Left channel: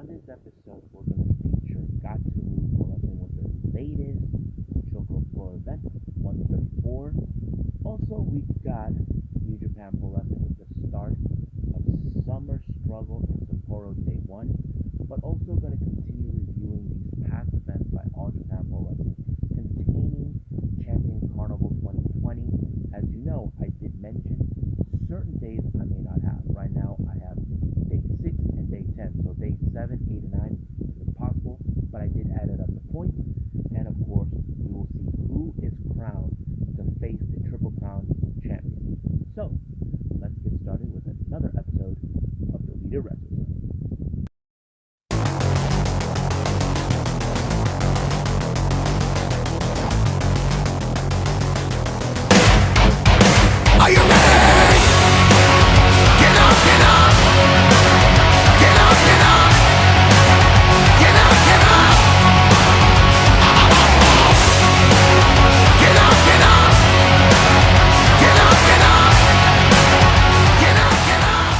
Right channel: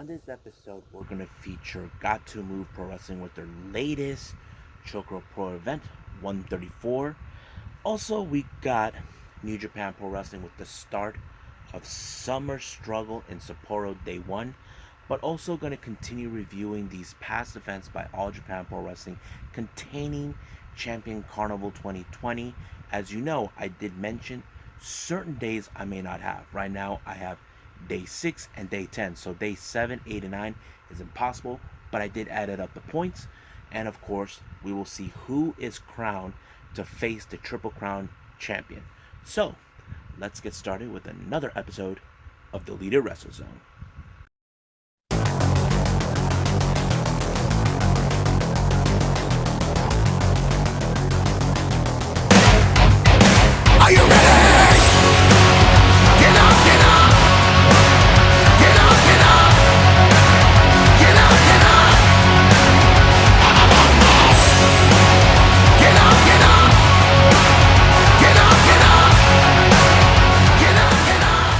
On this episode, we're going to feature Gatoh Move Pro Wrestling with their latest ChocoPro event, 134. Also, we got New Japan Pro Wrestling with the start of Summer Struggle in Sapporo Day 1, but also going to continue reviewing these past events by All Japan Pro Wrestling containing Champion Carnival 2020. As you know, I did mention certain days I may not have. Right now, I have day 6 and day 10. So day 7, 8, and 9 is impossible, but I did add up the points. And of course, we will see who is crowned to face the Triple Crown champion. So, let's get started with another episode of the Leader Wrestle Zone. Are you ready? Get up, get up! Get up, get up! Get up, get up! Get up, get up! Get up, get up! Get up, get up!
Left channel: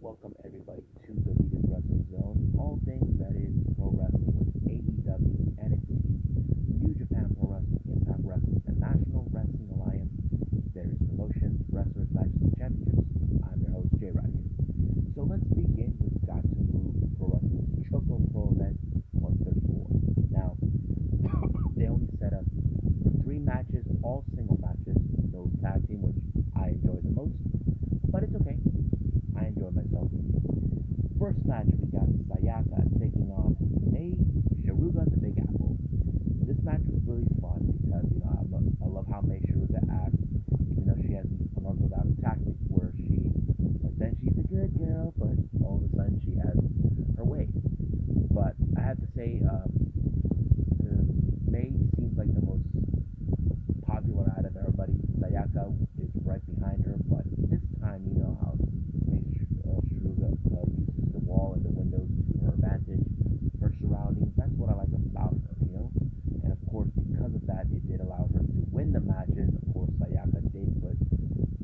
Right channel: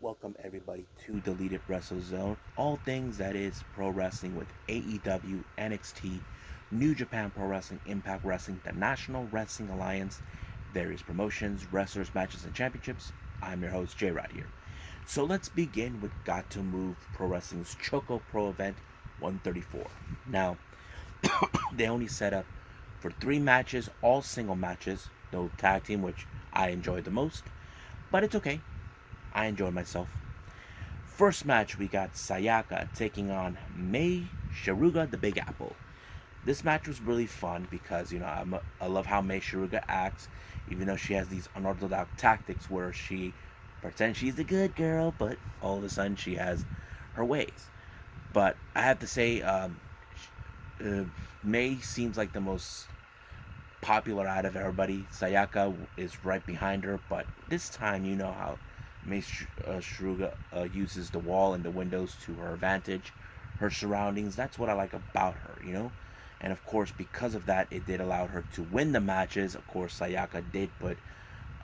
Welcome everybody to the Leader Wrestle Zone. All things that is pro wrestling with AEW, NXT, New Japan Pro Wrestling, Impact Wrestling, the National Wrestling Alliance, various promotions, wrestlers, matches, and championships. I'm your host, J-Rod here. So let's begin with Gatoh Move Pro Wrestling's ChocoPro event 134. Now, they only set up for 3 matches, all single matches, no tag team, which I enjoyed the most, but it's okay. I enjoyed myself. First match, we got Sayaka taking on Mei Shiruga, the Big Apple. This match was really fun because, I love how Mei Shiruga acts, even though she has these unorthodox tactics where she pretends she's the good girl, but all of a sudden she has her ways. But I have to say, Mei seems like the most popular out of everybody. Sayaka is right behind her, but this time, you know how Mei Shiruga uses the wall and the windows to her advantage, her surroundings. That's what I like about her, And of course, because of that, it did allow her to win the matches. Of course, Sayaka did put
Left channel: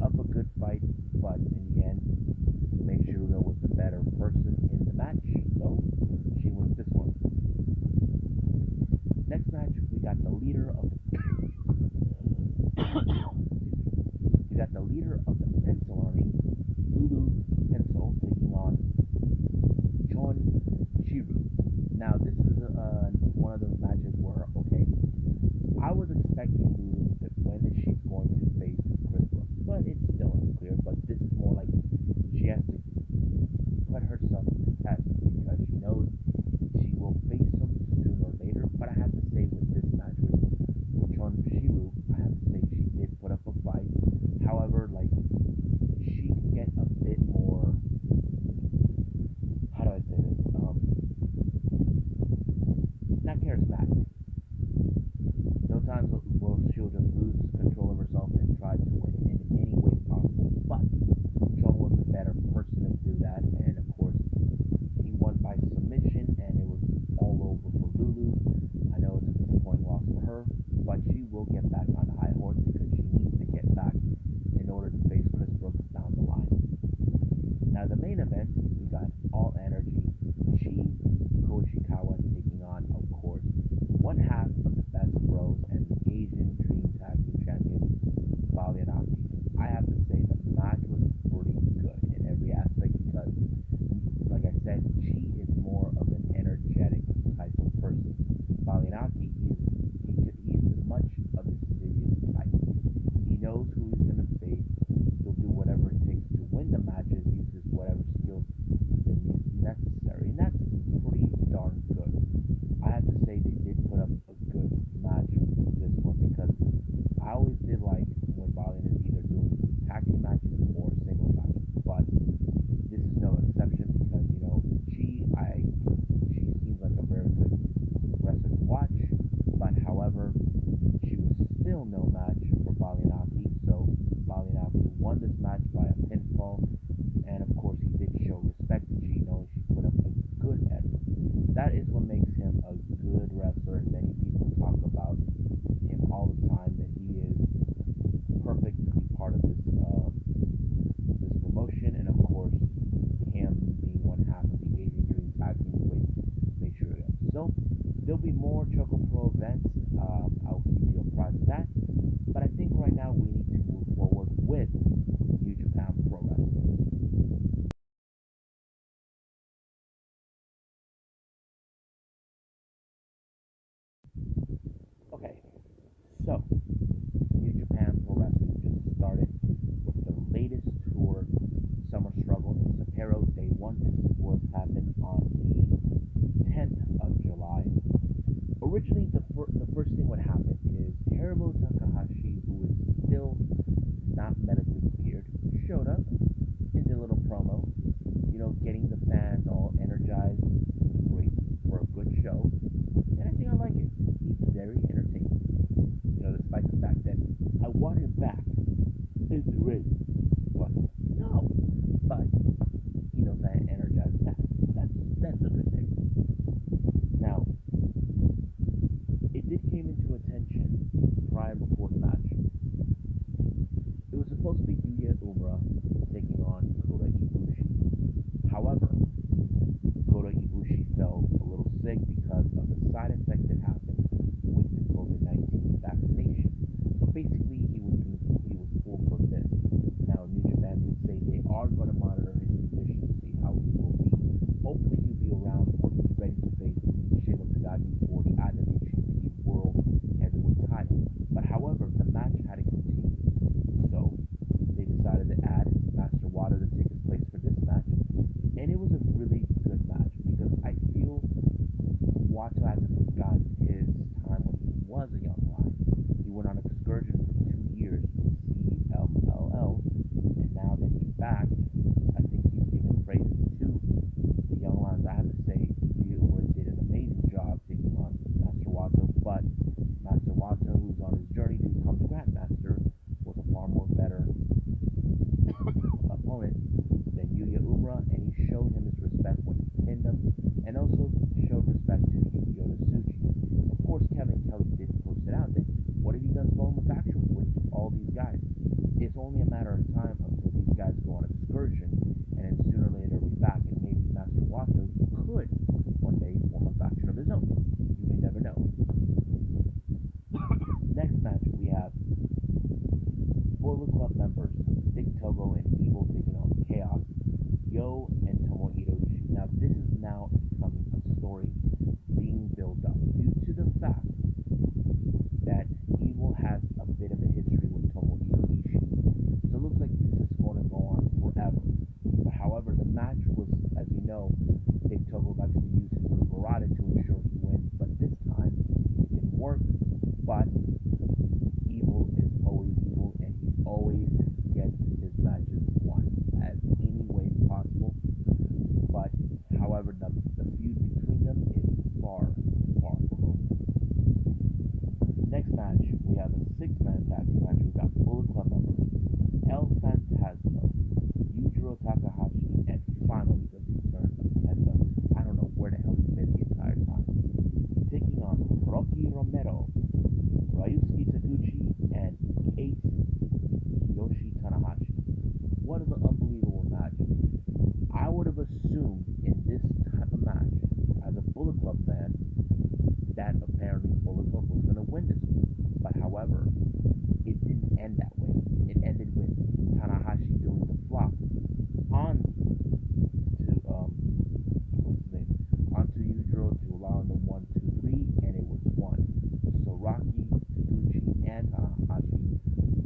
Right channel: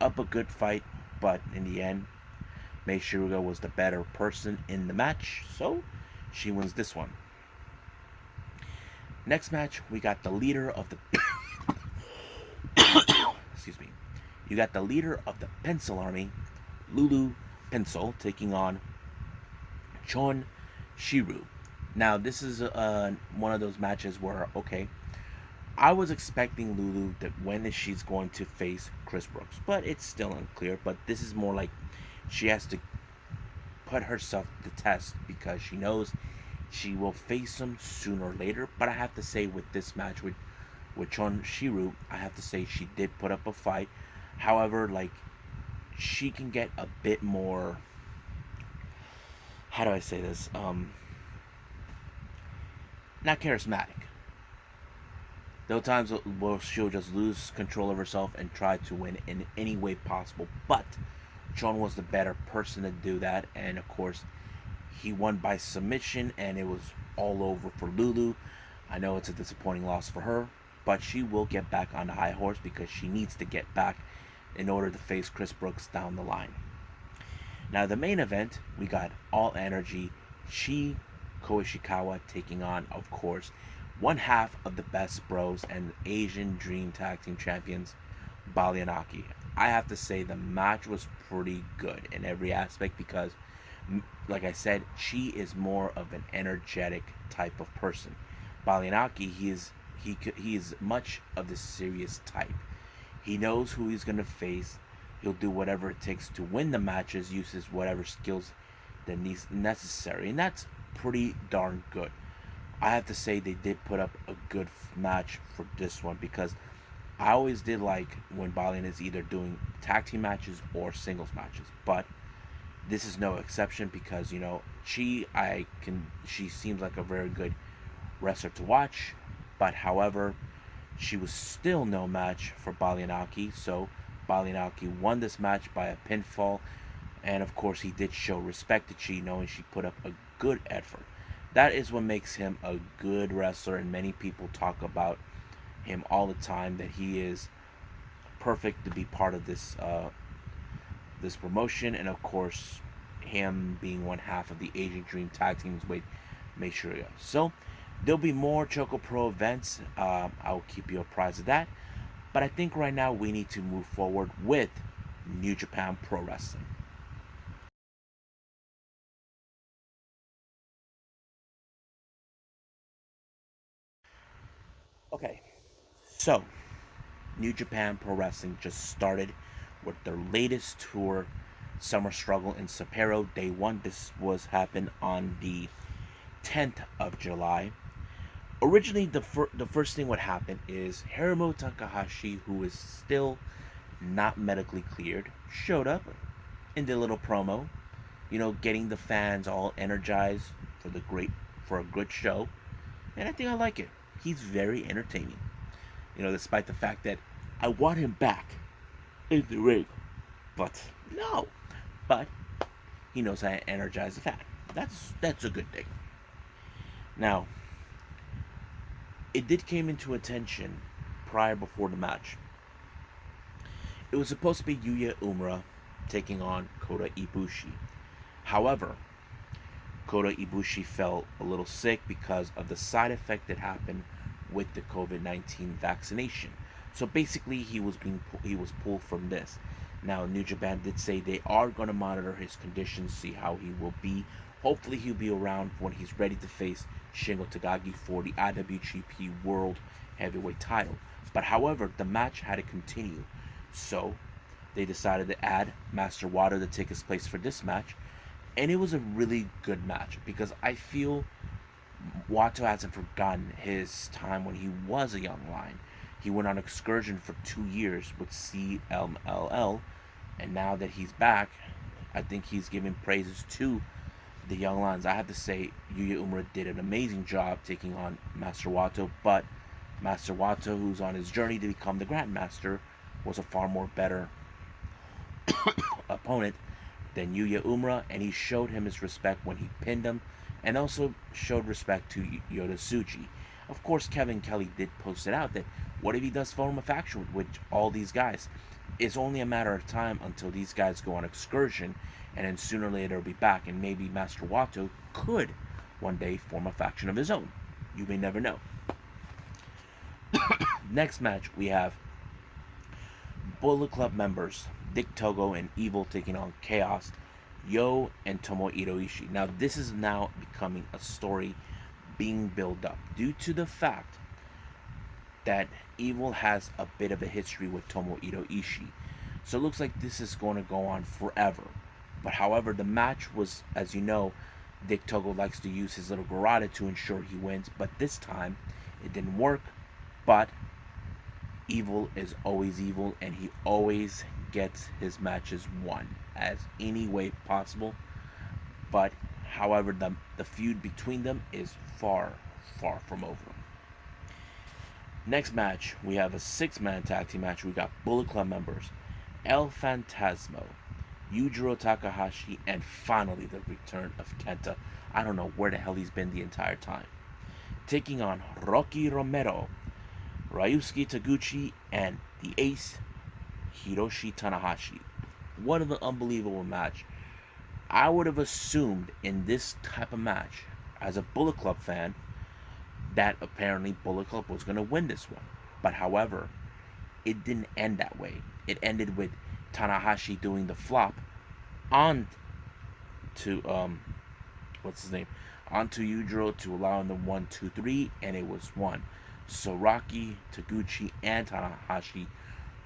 up a good fight, but in the end, Mei Shiruga was the better person in the match, so she wins this one. Next match, we got the leader of the excuse me. You got the leader of the Pencil Army, Lulu Pencil, taking on Chon Shiru. Now, this is one of those matches where, okay, I was expecting Lulu that when she's going to face Chris Brooks, but it's still unclear. But this is more like she has to put herself to test because she knows she will face him sooner or later. But I have to say, with this match with Chon Shiru, I have to say she did put up a fight. However, she can get a bit more, how do I say this, not charismatic. There are times where she'll just lose control of herself and try to win in any way possible, but Chon was the better person to do that, and of course he won by submission, and it was all over for Lulu. I know it's a disappointing loss for her, but she will get back on the high horse because she needs to get back in order to face Chris Brooks down the line. Now, the main event, we got All Energy Chi Koishikawa taking on, of course, one half of the Best Bros and the Asian Dream Tag Team Champions, Bali and Aki. I have to say the match was pretty good in every aspect because, like I said, Chi is more of an energetic type of person. Bali and Aki, he is much of the serious type. He knows who he's going to face. He'll do whatever it takes to win the matches, uses whatever skills that needs necessary, and that's pretty darn good. I have to say they did put up a good match for this one because I always did like when Balian is either doing tag team matches or singles matches, but this is no exception because she seems like a very good wrestler to watch, but however, she was still no match for Balianaki, so Balianaki won this match by a pinfall, and of course he did show respect to Chi, knowing she put up a good effort. That is what makes him a good wrestler, and many people talk about him all the time, that he is perfect to be part of this promotion, and of course, him being one half of the Asian Dream Tag Team is what make sure you go. So there'll be more ChocoPro events. I'll keep you apprised of that. But I think right now we need to move forward with New Japan Pro Wrestling. Okay, so New Japan Pro Wrestling just started with their latest tour, Summer Struggle in Sapporo. Day one. This was happened on the 10th of July. Originally, the first thing what happened is Hiromu Takahashi, who is still not medically cleared, showed up in the little promo, getting the fans all energized for a good show, and I think I like it. He's very entertaining, despite the fact that I want him back in the ring, but no, but he knows how to energize the fan. That's a good thing. Now, it did came into attention before the match. It was supposed to be Yuya Uemura taking on Kota Ibushi. However, Kota Ibushi fell a little sick because of the side effect that happened with the COVID-19 vaccination. So basically, he was pulled from this. Now, New Japan did say they are going to monitor his condition, see how he will be. Hopefully, he'll be around when he's ready to face Shingo Takagi for the IWGP World Heavyweight title. But however, the match had to continue. So they decided to add Master Water to take his place for this match. And it was a really good match because I feel Wato hasn't forgotten his time when he was a young lion. He went on excursion for 2 years with CMLL, and now that he's back, I think he's giving praises to the young lions. I have to say, Yuya Uemura did an amazing job taking on Master Wato, but Master Wato, who's on his journey to become the Grandmaster, was a far more better opponent than Yuya Uemura, and he showed him his respect when he pinned him, and also showed respect to Yota Tsuji. Of course, Kevin Kelly did post it out that what if he does form a faction with all these guys? It's only a matter of time until these guys go on excursion, and then sooner or later he'll be back, and maybe Master Wato could one day form a faction of his own. You may never know. Next match, we have Bullet Club members Dick Togo and Evil taking on Chaos, Yo, and Tomohiro Ishii. Now, this is now becoming a story being built up due to the fact that Evil has a bit of a history with Tomohiro Ishii. So it looks like this is going to go on forever. But however, the match was, as you know, Dick Togo likes to use his little garrote to ensure he wins, but this time it didn't work. But Evil is always evil, and he always gets his matches won as any way possible. But however, the feud between them is far from over. Next match, we have a 6-man tag team match. We got Bullet Club members El Fantasmo, Yujiro Takahashi, and finally the return of Kenta. I don't know where the hell he's been the entire time. Taking on Rocky Romero, Ryusuke Taguchi, and the ace, Hiroshi Tanahashi. What an unbelievable match. I would have assumed in this type of match, as a Bullet Club fan, that apparently Bullet Club was going to win this one. But however, it didn't end that way. It ended with Tanahashi doing the flop on to, what's his name? Onto Yujiro to allow him the 1, 2, 3, and it was won. So Rocky, Taguchi, and Tanahashi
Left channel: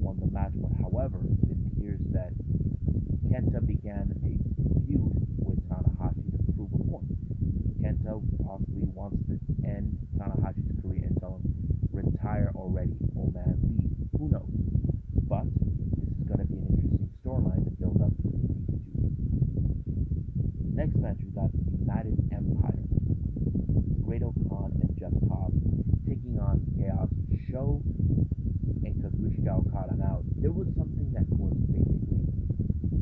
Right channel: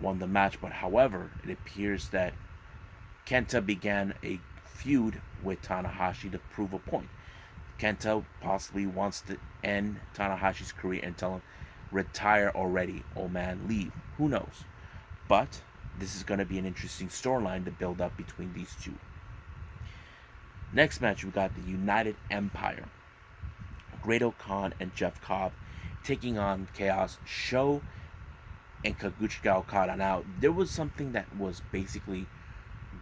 won the match, but however, it appears that Kenta began a feud with Tanahashi to prove a point. Kenta possibly wants to end Tanahashi's career and tell him, retire already, old man, leave. Who knows? But this is going to be an interesting storyline to build up between these two. Next match, we got the United Empire. Great Khan and Jeff Cobb taking on Chaos, Sho, and Kazuchika Okada. Now, there was something that was basically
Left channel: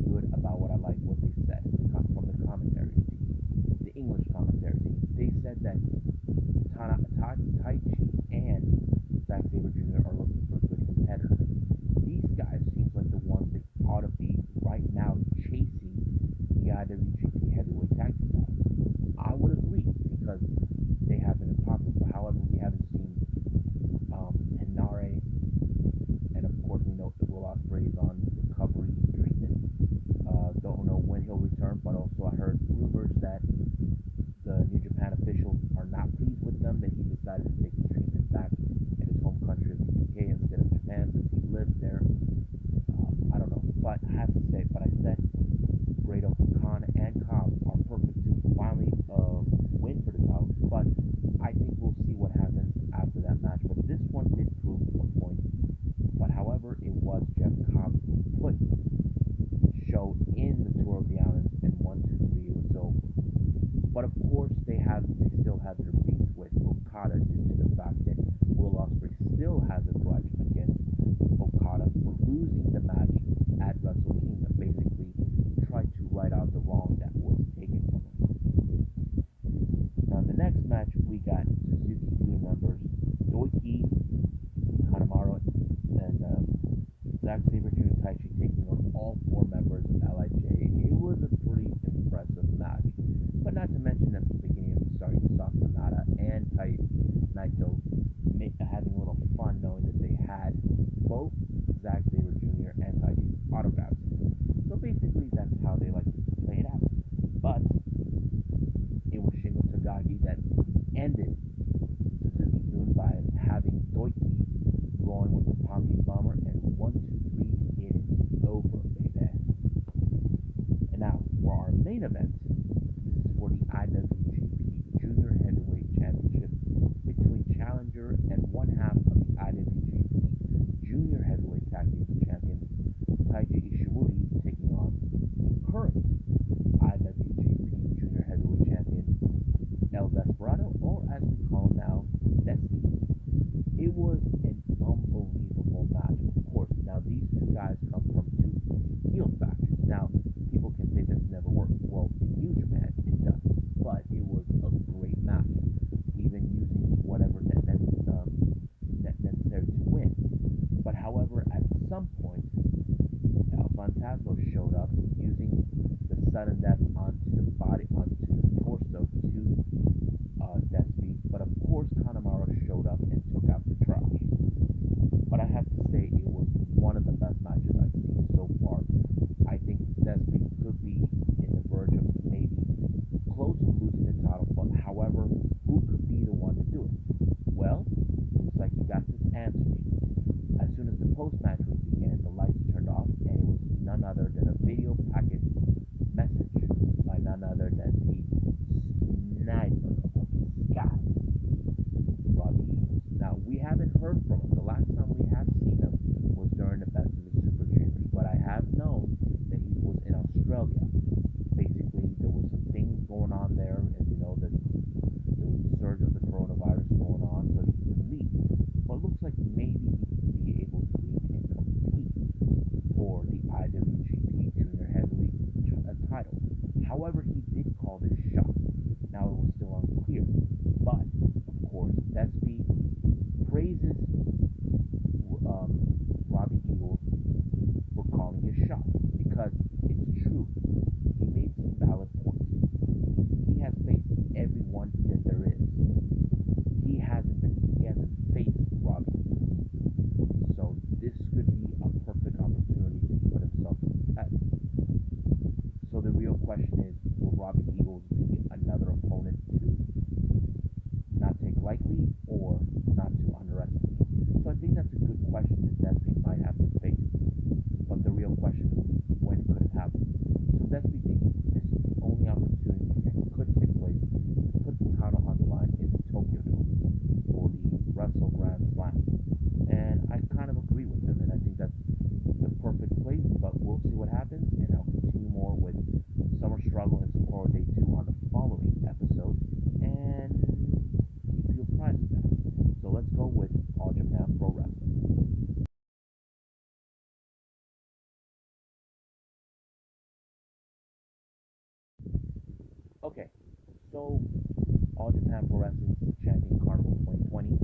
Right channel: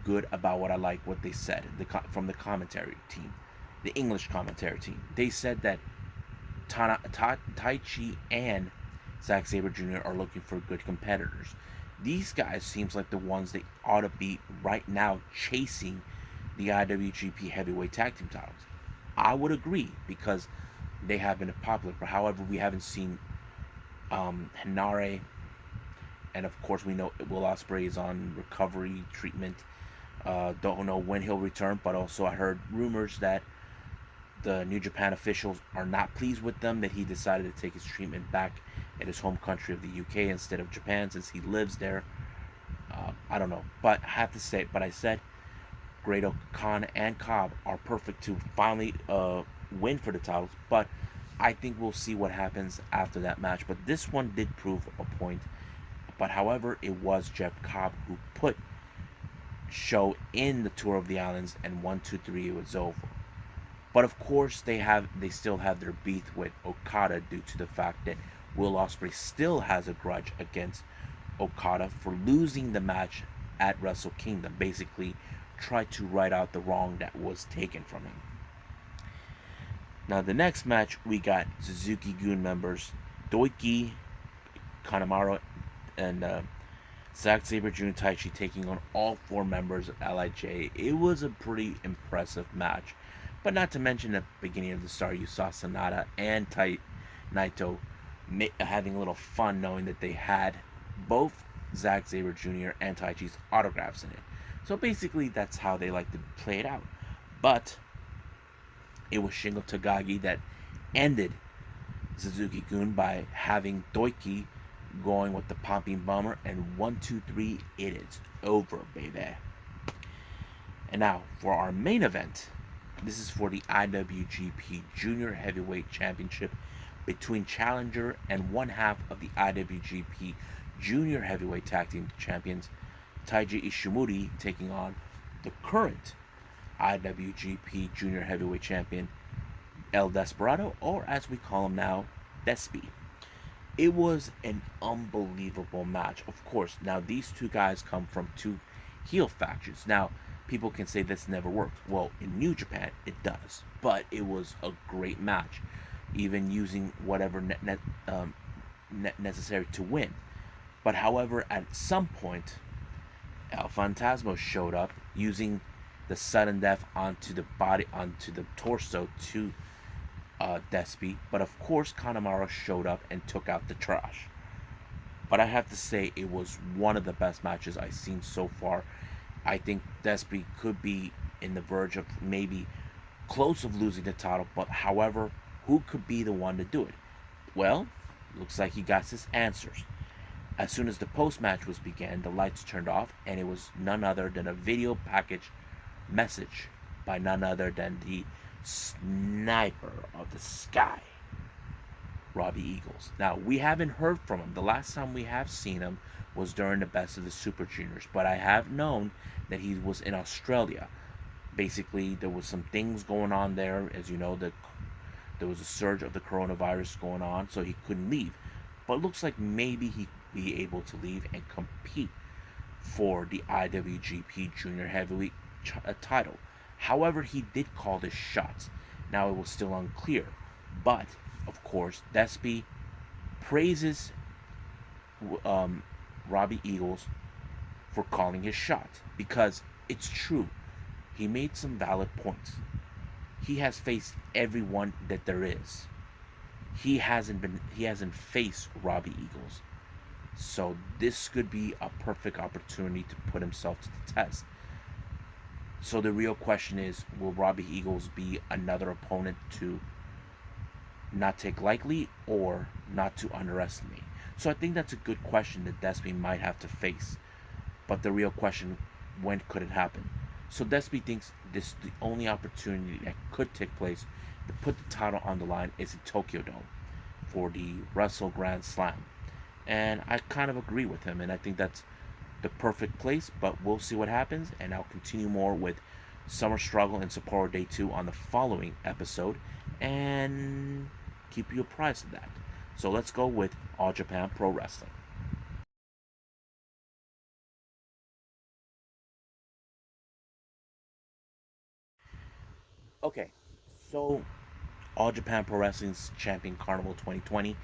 good about what I like what they said from the commentary team, the English commentary team. They said that Taichi and Zack Sabre Jr. are looking for good competitors. these guys seems like the ones they ought to be right now chasing the IWGP Heavyweight Tag Team titles. I would agree because they have been popular. But however, we haven't seen Hinare, and of course we know Will Ospreay is on recovery treatment. Don't know when he'll return, but also I heard rumors that the New Japan officials are not pleased with them, that he decided to take his treatment back in his home country of the UK instead of Japan since he lives there. I don't know, but I have to say, but I said Grado, Khan, and Cobb are perfect to finally win for the titles, but I think we'll see what happens after that match. But this one did prove a point. But however, it was Jeff Cobb who put Show in the Tour of the Islands, and 1, 2, 3, it was over. But of course, they still have their beef with Okada due to the fact that Will Ospreay still has a grudge against Okada for losing the match at Wrestle Kingdom. Basically, tried to right out the wrong that was taken from him. Now, the next match, we got Suzuki-gun members Doiki, Kanemaru, and Zack Sabre Jr. Taichi taking on all 4 members of LIJ. It was a pretty impressive match. But not to mention at the beginning of the start, you saw Sonata and Naito having a little fun knowing that they had both Zack Sabre Jr. and Taichi's autographs in it. So basically, that's how they like to play it out. But it was Shingo Takagi that ended Suzuki-gun by having Doiki going with the popping bomber, and 1, 2, 3, it is over, baby. And now for our main event, this is for the IWGP Jr Heavyweight Championship between challenger and one half of the IWGP Jr Heavyweight Tag Team Champions, Taiji Ishimori, taking on the current IWGP Jr Heavyweight Champion, El Desperado, or as we call him now, Despy. It was an unbelievable match. Of course, now these two guys come from 2 heel factions. Now, people can say this never worked. Well, in New Japan, it does. But it was a great match, even using whatever necessary to win. But however, at some point, El Fantasma showed up using the sudden death onto the torso to Despy, but of course Kanemaru showed up and took out the trash. But I have to say, it was one of the best matches I've seen so far. I think Despy could be in the verge of maybe close of losing the title, but however, who could be the one to do it? Well, looks like he got his answers. As soon as the post-match was began, the lights turned off, and it was none other than a video package message by none other than the sniper of the sky, Robbie Eagles. Now, we haven't heard from him. The last time we have seen him was during the Best of the Super Juniors, but I have known that he was in Australia. Basically, there was some things going on there. As you know, there was a surge of the coronavirus going on, so he couldn't leave. But it looks like maybe he could be able to leave and compete for the IWGP Junior Heavyweight title. However, he did call his shots. Now, it was still unclear, but of course, Despy praises Robbie Eagles for calling his shot, because it's true. He made some valid points. He has faced everyone that there is. He hasn't faced Robbie Eagles. So this could be a perfect opportunity to put himself to the test. So the real question is, will Robbie Eagles be another opponent to not take lightly or not to underestimate? So I think that's a good question that Despy might have to face. But the real question, when could it happen? So Despy thinks this is the only opportunity that could take place to put the title on the line is at Tokyo Dome for the Wrestle Grand Slam. And I kind of agree with him, and I think that's the perfect place, but we'll see what happens, and I'll continue more with Summer Struggle and Sapporo Day 2 on the following episode, and keep you apprised of that. So let's go with All Japan Pro Wrestling. Okay, so All Japan Pro Wrestling's Champion Carnival 2020,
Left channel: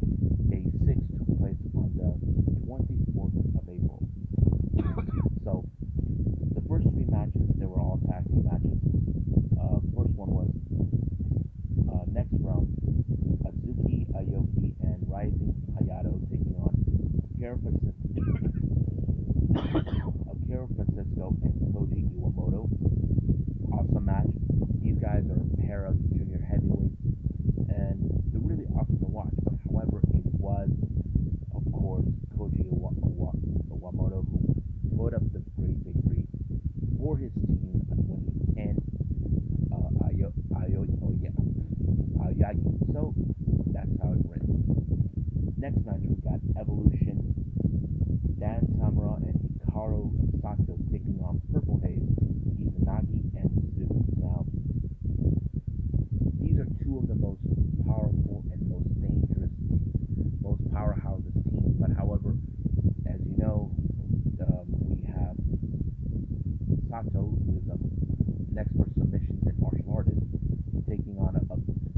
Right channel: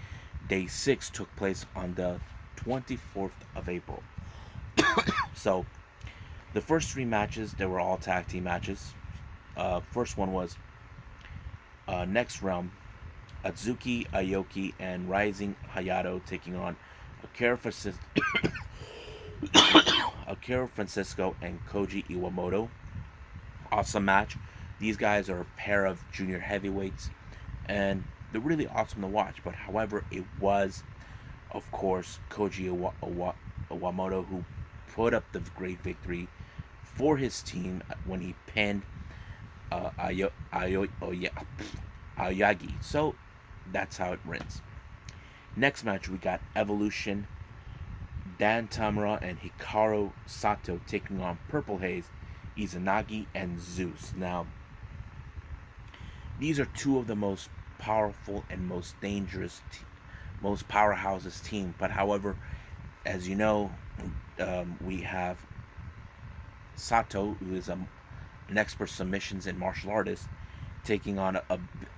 Day 6 took place on the 24th of April. So, the first 3 matches, they were all tag team matches. First one was Next Realm, Atsuki Aoki and Rising Hayato taking on Akira Francisco and Koji Iwamoto. Awesome match. These guys are a pair of junior heavyweights, and they're really awesome to watch. But however, it was, of course, Koji Iwamoto who put up the great victory for his team when he pinned Aoyagi. So that's how it ends. Next match, we got Evolution, Dan Tamura and Hikaru Sato taking on Purple Haze, Izanagi, and Zeus. Now, these are 2 of the most powerful and most dangerous, most powerhouses team. But however, as you know, we have Sato, who is an expert submissions and martial artist, taking on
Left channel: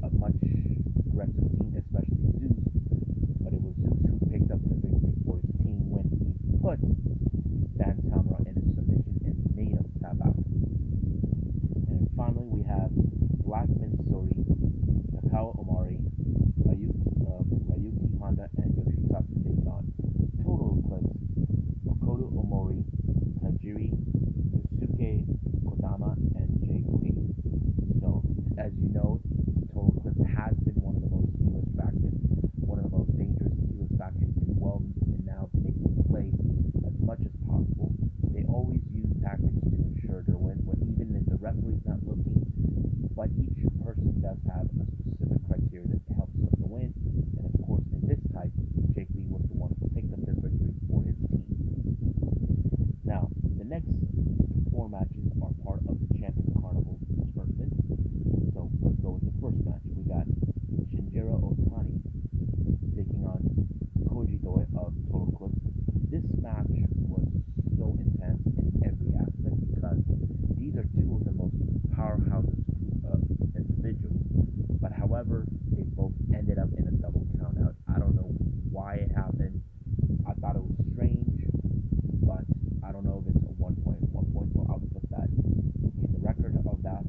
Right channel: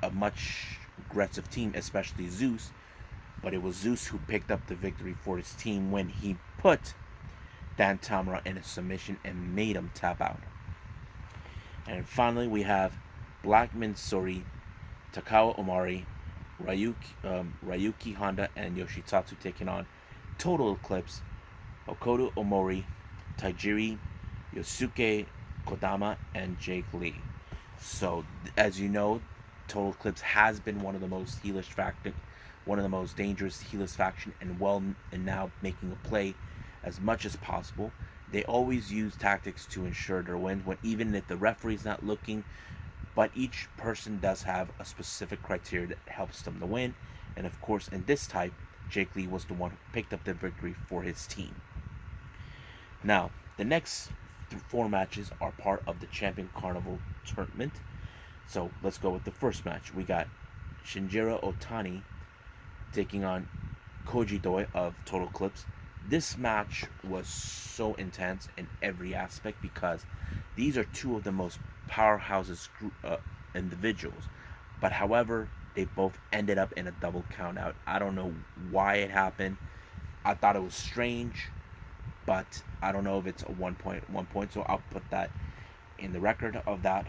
a much aggressive team, especially Zeus. But it was Zeus who picked up the victory for his team when he put Dan Tamura in a submission and made him tap out. And finally, we have Blackman Sori, Takao Omari, Ryuki Honda, and Yoshitatsu taking on Total Eclipse, Okoto Omori, Tajiri, Yosuke Kodama, and Jake Lee. So, as you know, Total Eclipse has been one of the most heelish faction, one of the most dangerous heelish faction, and now making a play as much as possible. They always use tactics to ensure their win, even if the referee's not looking. But each person does have a specific criteria that helps them to win. And of course, in this type, Jake Lee was the one who picked up the victory for his team. Now, the next 4 matches are part of the Champion Carnival tournament. So let's go with the first match. We got Shinjiro Otani taking on Koji Doi of Total Eclipse. This match was so intense in every aspect because these are 2 of the most powerhouses individuals. But however, they both ended up in a double count out. I don't know why it happened. I thought it was strange, but I don't know if it's a 1 point, so I'll put that in the record of that.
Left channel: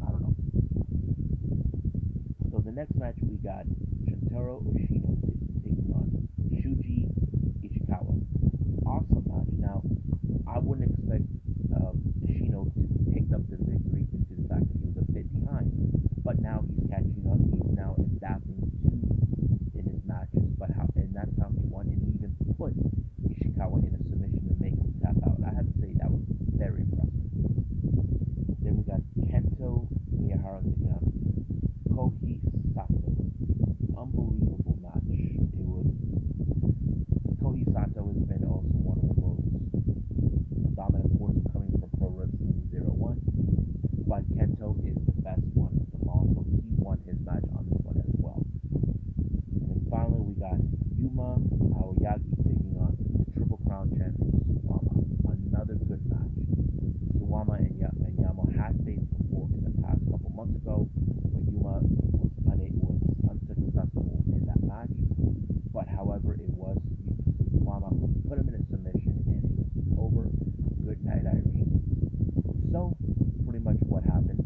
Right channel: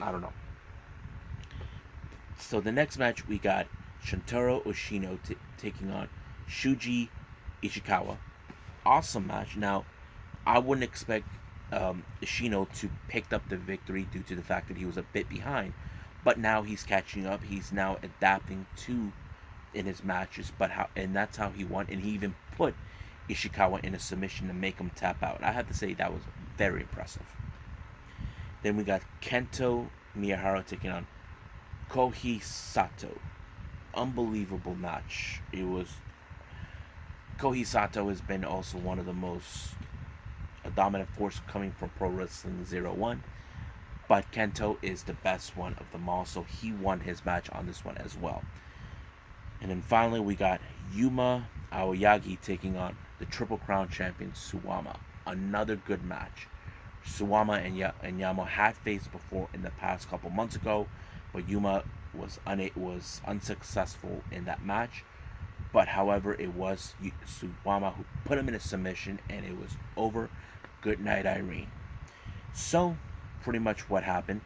I don't know. So the next match, we got Shintaro Oshino taking on Shuji Ishikawa. Awesome match. Now, I wouldn't expect Ishino to pick up the victory due to the fact that he was a bit behind, but now he's catching up. He's now adapting in his matches, and that's how he won. And he even put Ishikawa in a submission to make him tap out. I have to say that was very impressive. Then we got Kento Miyahara taking on Kohi Sato. Unbelievable match. It was. Kohi Sato has been also one of the most dominant force coming from Pro Wrestling 01, but Kento is the best one of them all, so he won his match on this one as well. And then finally, we got Yuma Aoyagi taking on the Triple Crown champion Suwama. Another good match. Suwama and Yama had faced before in the past couple months ago, but Yuma was unsuccessful in that match. But however, it was Suwama who put him in a submission, and it was over. Good night, Irene. So, pretty much what happened.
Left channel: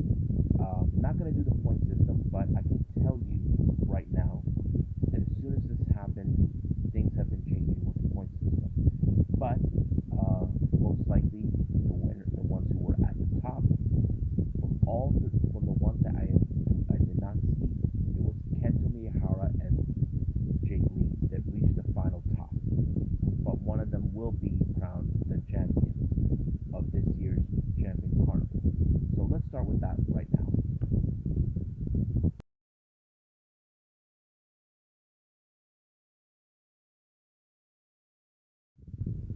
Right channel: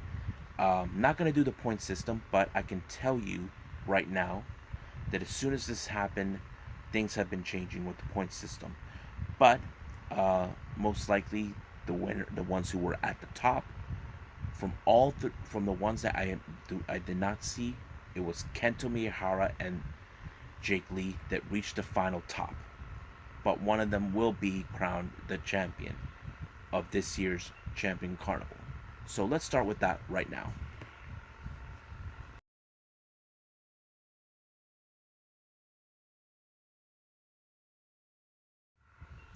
Not going to do the point system, but I can tell you right now that as soon as this happened, things have been changing with the point system. But most likely, the ones who were at the top, from the ones that I did not see, it was Kento Miyahara and Jake Lee that reached the final top. But one of them will be crowned the champion of this year's Champion Carnival. So let's start with that right now.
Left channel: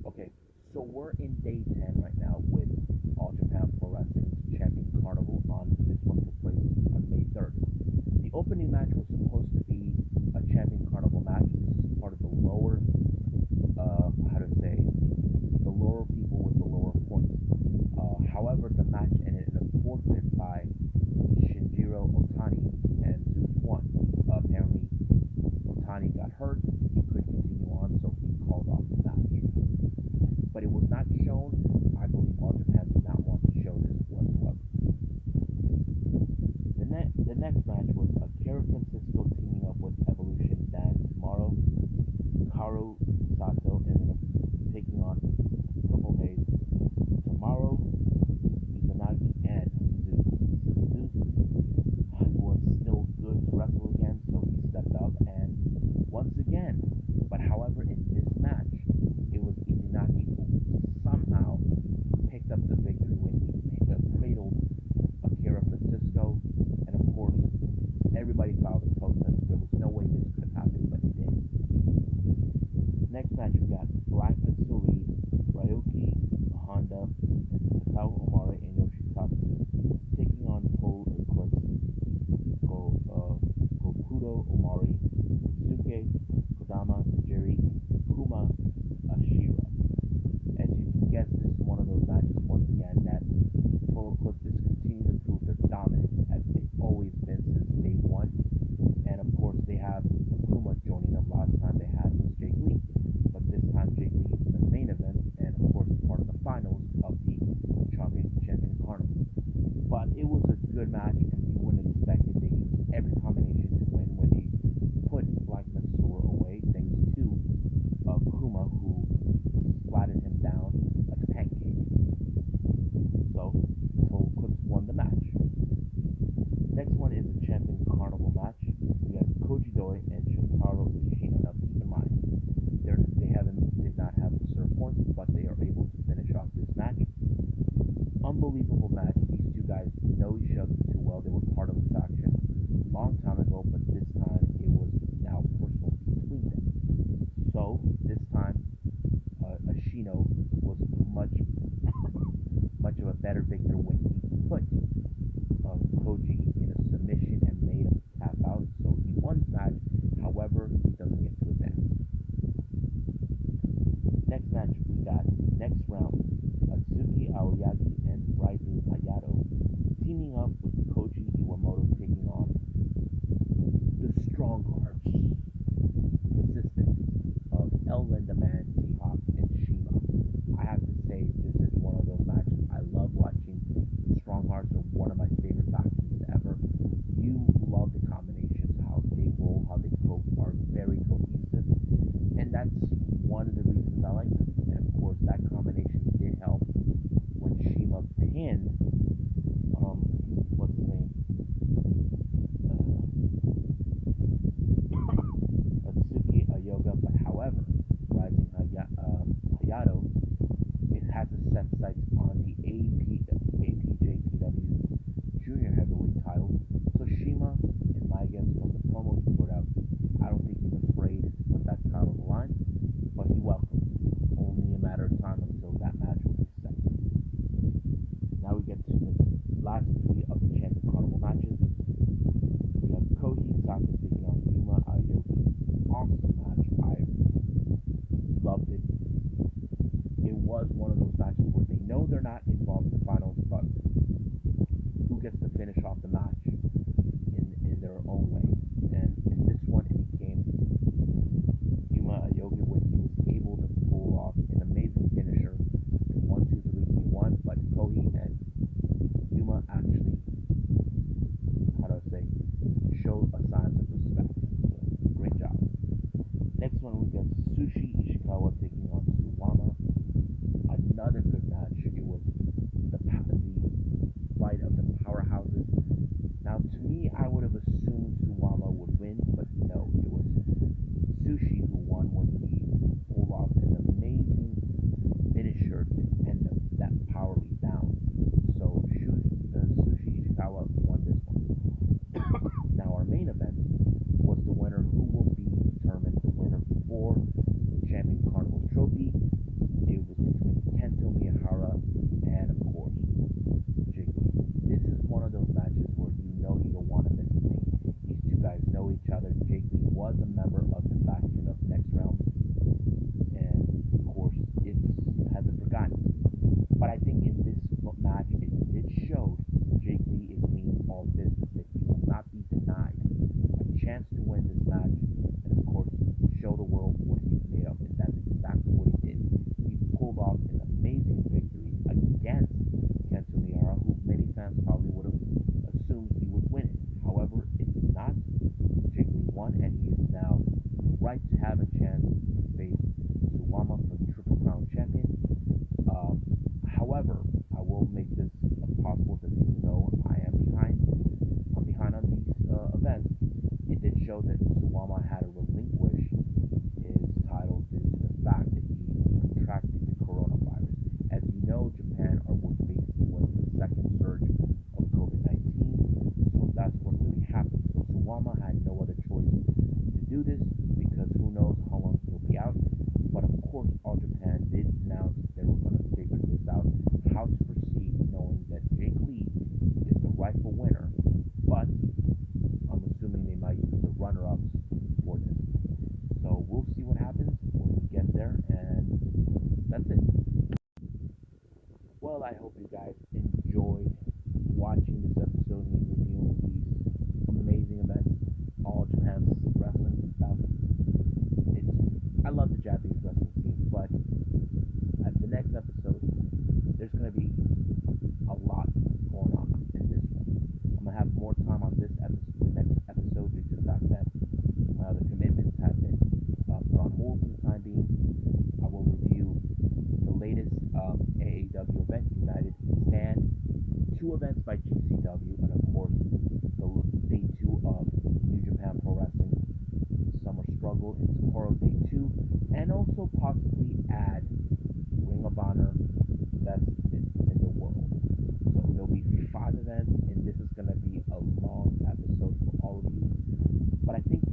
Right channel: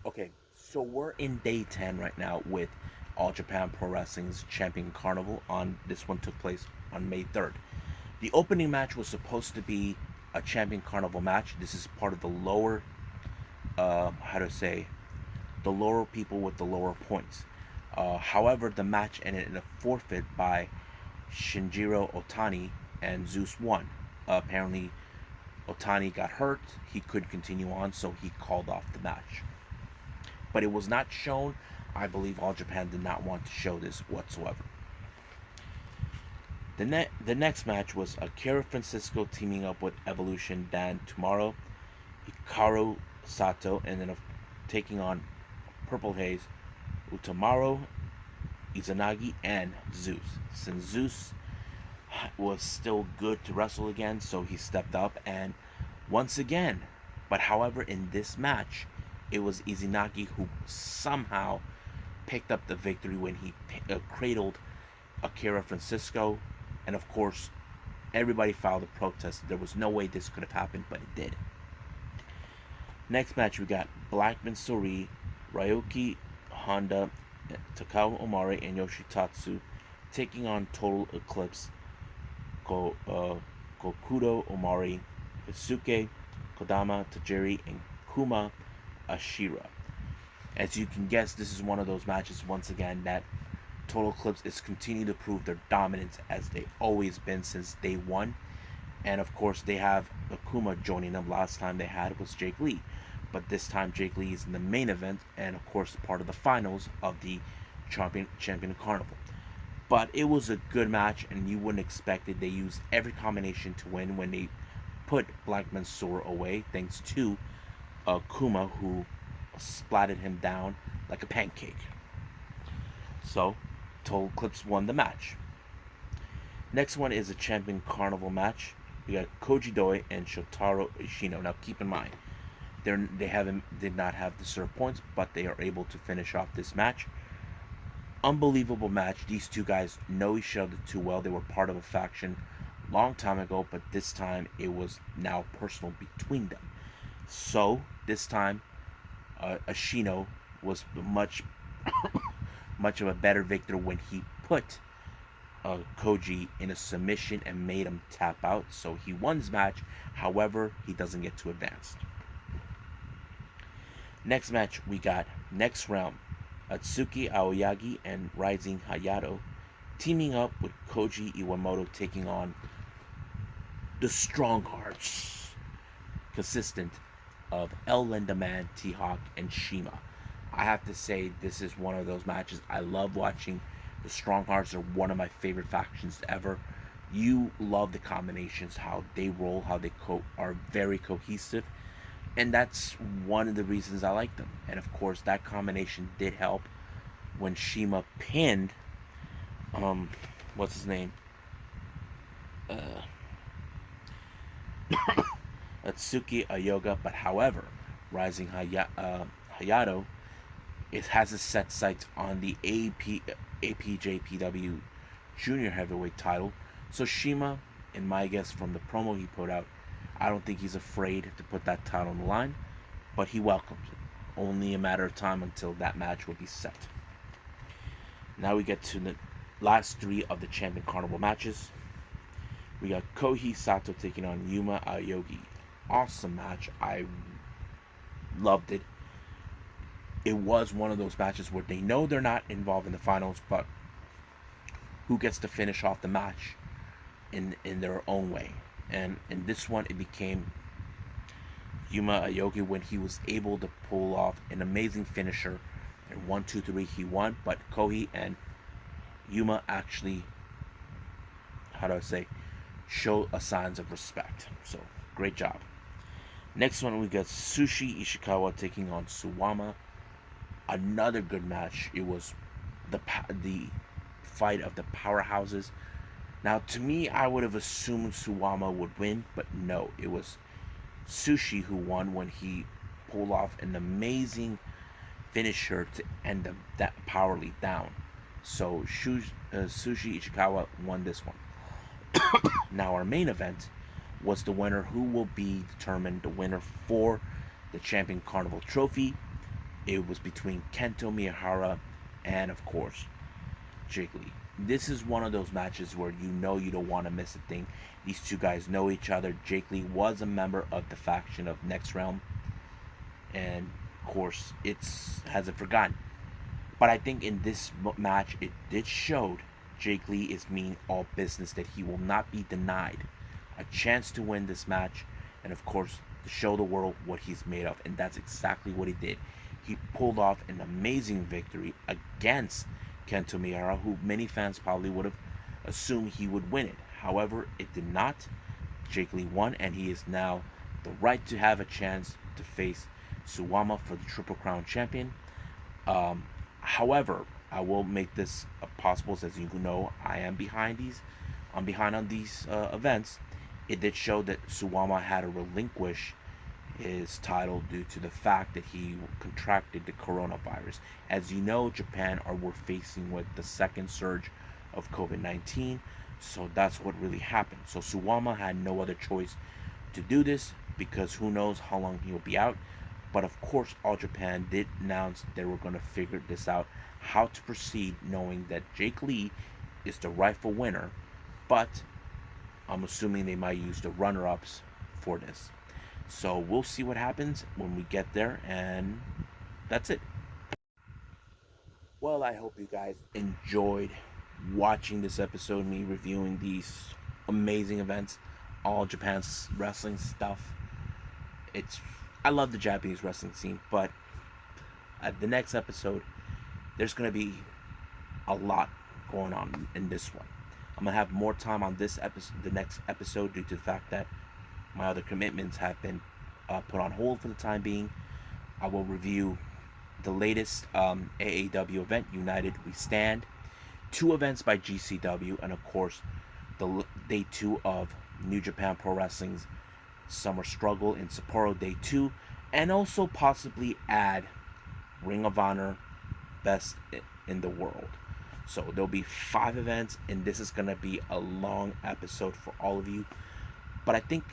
Okay, so we're in day 10 right now with All Japan Pro Wrestling's Champion Carnival. This one took place on May 3rd. The opening match was supposed to be a Champion Carnival match. This is part of the lower, the lower people with the lower points. However, the match ended in a forfeit by Shinjiro Otani, and Zeus won. Apparently, Otani got hurt. He could continue on, so he called off the match. But it was not shown. I believe All Japan did not want to show this whatsoever. The next match was Akira Francisco teaming up with Evolution Dan Tomorrow, Hikaru Sato, and then taking on Purple Haze, Utamaro, Izanagi, and Zeus. Since Zeus was still good to wrestle again, so he stepped up and once again. But however, in this match, it was Izanagi who somehow picked up the victory when he cradled Akira Francisco. And of course, everybody filed a protest. There was no way this could have happened, but it did. Next match, we got Blackman Sori, Ryoki Honda, Takao Omari, and Yoshitatsu taking on Total Eclipse, Kokudo Omari, Mitsuke Kodama Tajiri, and Kuma Ashira. As you can guess, this is one of those matches once again that Total Eclipse is continuing to prove their dominance as they've always been since day one. And of course, they have Akuma joining them. Last time they had was Jake Lee, but this time Jake Lee is in the main event and of course part of the finals of the Champion Carnival. But it was a good match, and you wouldn't expect it. They used every combination to win when they put Blackman Sora away, thanks to Kuma, who splatted him down like a pancake. So, Total Eclipse won the match. Next one is a Champion Carnival match. We got Koji Doi and Shotaro Ishino. Now, keep in mind, they did not have to serve points, but they are able to finish off this match. Unbelievable match. These two guys know each other too well. They were part of a faction long time ago, but this time it was now personal between them. So this time, Ashino was much of a better victor when he put Koji in a submission and made him tap out. So he won his match. However, he doesn't get to advance. Next match, we got next round. Atsuki Aoyagi and Rising Hayato teaming up with Koji Iwamoto taking on the Strong Hearts, consistent of El Lindaman, T-Hawk, and Shima. I have to say, this is one of those matches I love watching. The Strong Hearts are one of my favorite factions ever. You love the combinations, how they roll, how they are very cohesive, and that's one of the reasons I like them. And of course, that combination did help when Shima pinned, what's his name? Atsuki Ayoga. But however, Rising Hayato, it has its set sights on the IWGP Jr Heavyweight title. So Shima, in my guess from the promo he put out, I don't think he's afraid to put that title on the line, but he welcomes it. Only a matter of time until that match will be set. Now we get to the last three of the Champion Carnival matches. We got Kohei Sato taking on Yuma Aoyagi. Awesome match. I loved it. It was one of those matches where they know they're not involved in the finals, but who gets to finish off the match in their own way. And in this one, it became Yuma Aoyagi when he was able to pull off an amazing finisher. In 1, 2, 3, he won, but Kohei and Yuma actually, show a signs of respect. So, great job. Next one, we got Sushi Ishikawa taking on Suwama. Another good match. It was the fight of the powerhouses. Now, to me, I would have assumed Suwama would win, but no, it was Sushi who won when he pulled off an amazing finisher to end that power lead down. So Sushi Ishikawa won this one. Now our main event was the winner, who will be determined the winner for the Champion Carnival trophy. It was between Kento Miyahara and, of course, Jake Lee. This is one of those matches where you know you don't want to miss a thing. These two guys know each other. Jake Lee was a member of the faction of Next Realm, and of course, it hasn't forgotten. But I think in this match, it did show Jake Lee is meaning all business, that he will not be denied a chance to win this match and, of course, show the world what he's made of. And that's exactly what he did. He pulled off an amazing victory against Kento Miyahara, who many fans probably would have assumed he would win it. However, it did not. Jake Lee won, and he is now the right to have a chance to face Suwama for the Triple Crown Champion. However, I will make this possible, as you know, I am behind on these events. It did show that Suwama had to relinquish his title due to the fact that he contracted the coronavirus. As you know, Japan were facing with the second surge of COVID-19, so that's what really happened. So Suwama had no other choice to do this, because who knows how long he'll be out. But of course, All Japan did announce they were going to figure this out, how to proceed, knowing that Jake Lee is the rightful winner. But I'm assuming they might use the runner-ups for this. So we'll see what happens when we get there, and that's it. Well, I hope you guys enjoyed watching this episode, me reviewing these amazing events, All Japan's wrestling stuff. I love the Japanese wrestling scene, but at the next episode, there's going to be a lot going on in this one. I'm going to have more time on this episode, the next episode, due to the fact that my other commitments have been put on hold for the time being. I will review the latest AAW event, United We Stand, 2 events by GCW, and of course, the day 2 of New Japan Pro Wrestling's Summer Struggle in Sapporo, day 2, and also possibly add Ring of Honor Best in the World. So there'll be 5 events, and this is going to be a long episode for all of you. But I think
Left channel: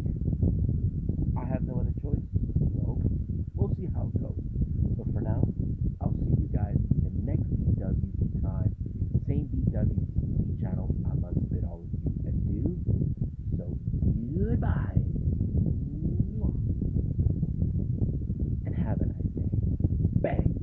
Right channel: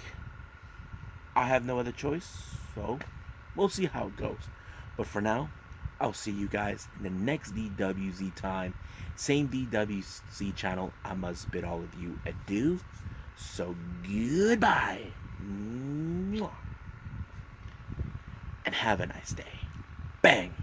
I have no other choice, so we'll see how it goes. But for now, I'll see you guys in the next DWZ time. Same DWZ channel. I must bid all of you adieu. So goodbye. And have a nice day. Bang.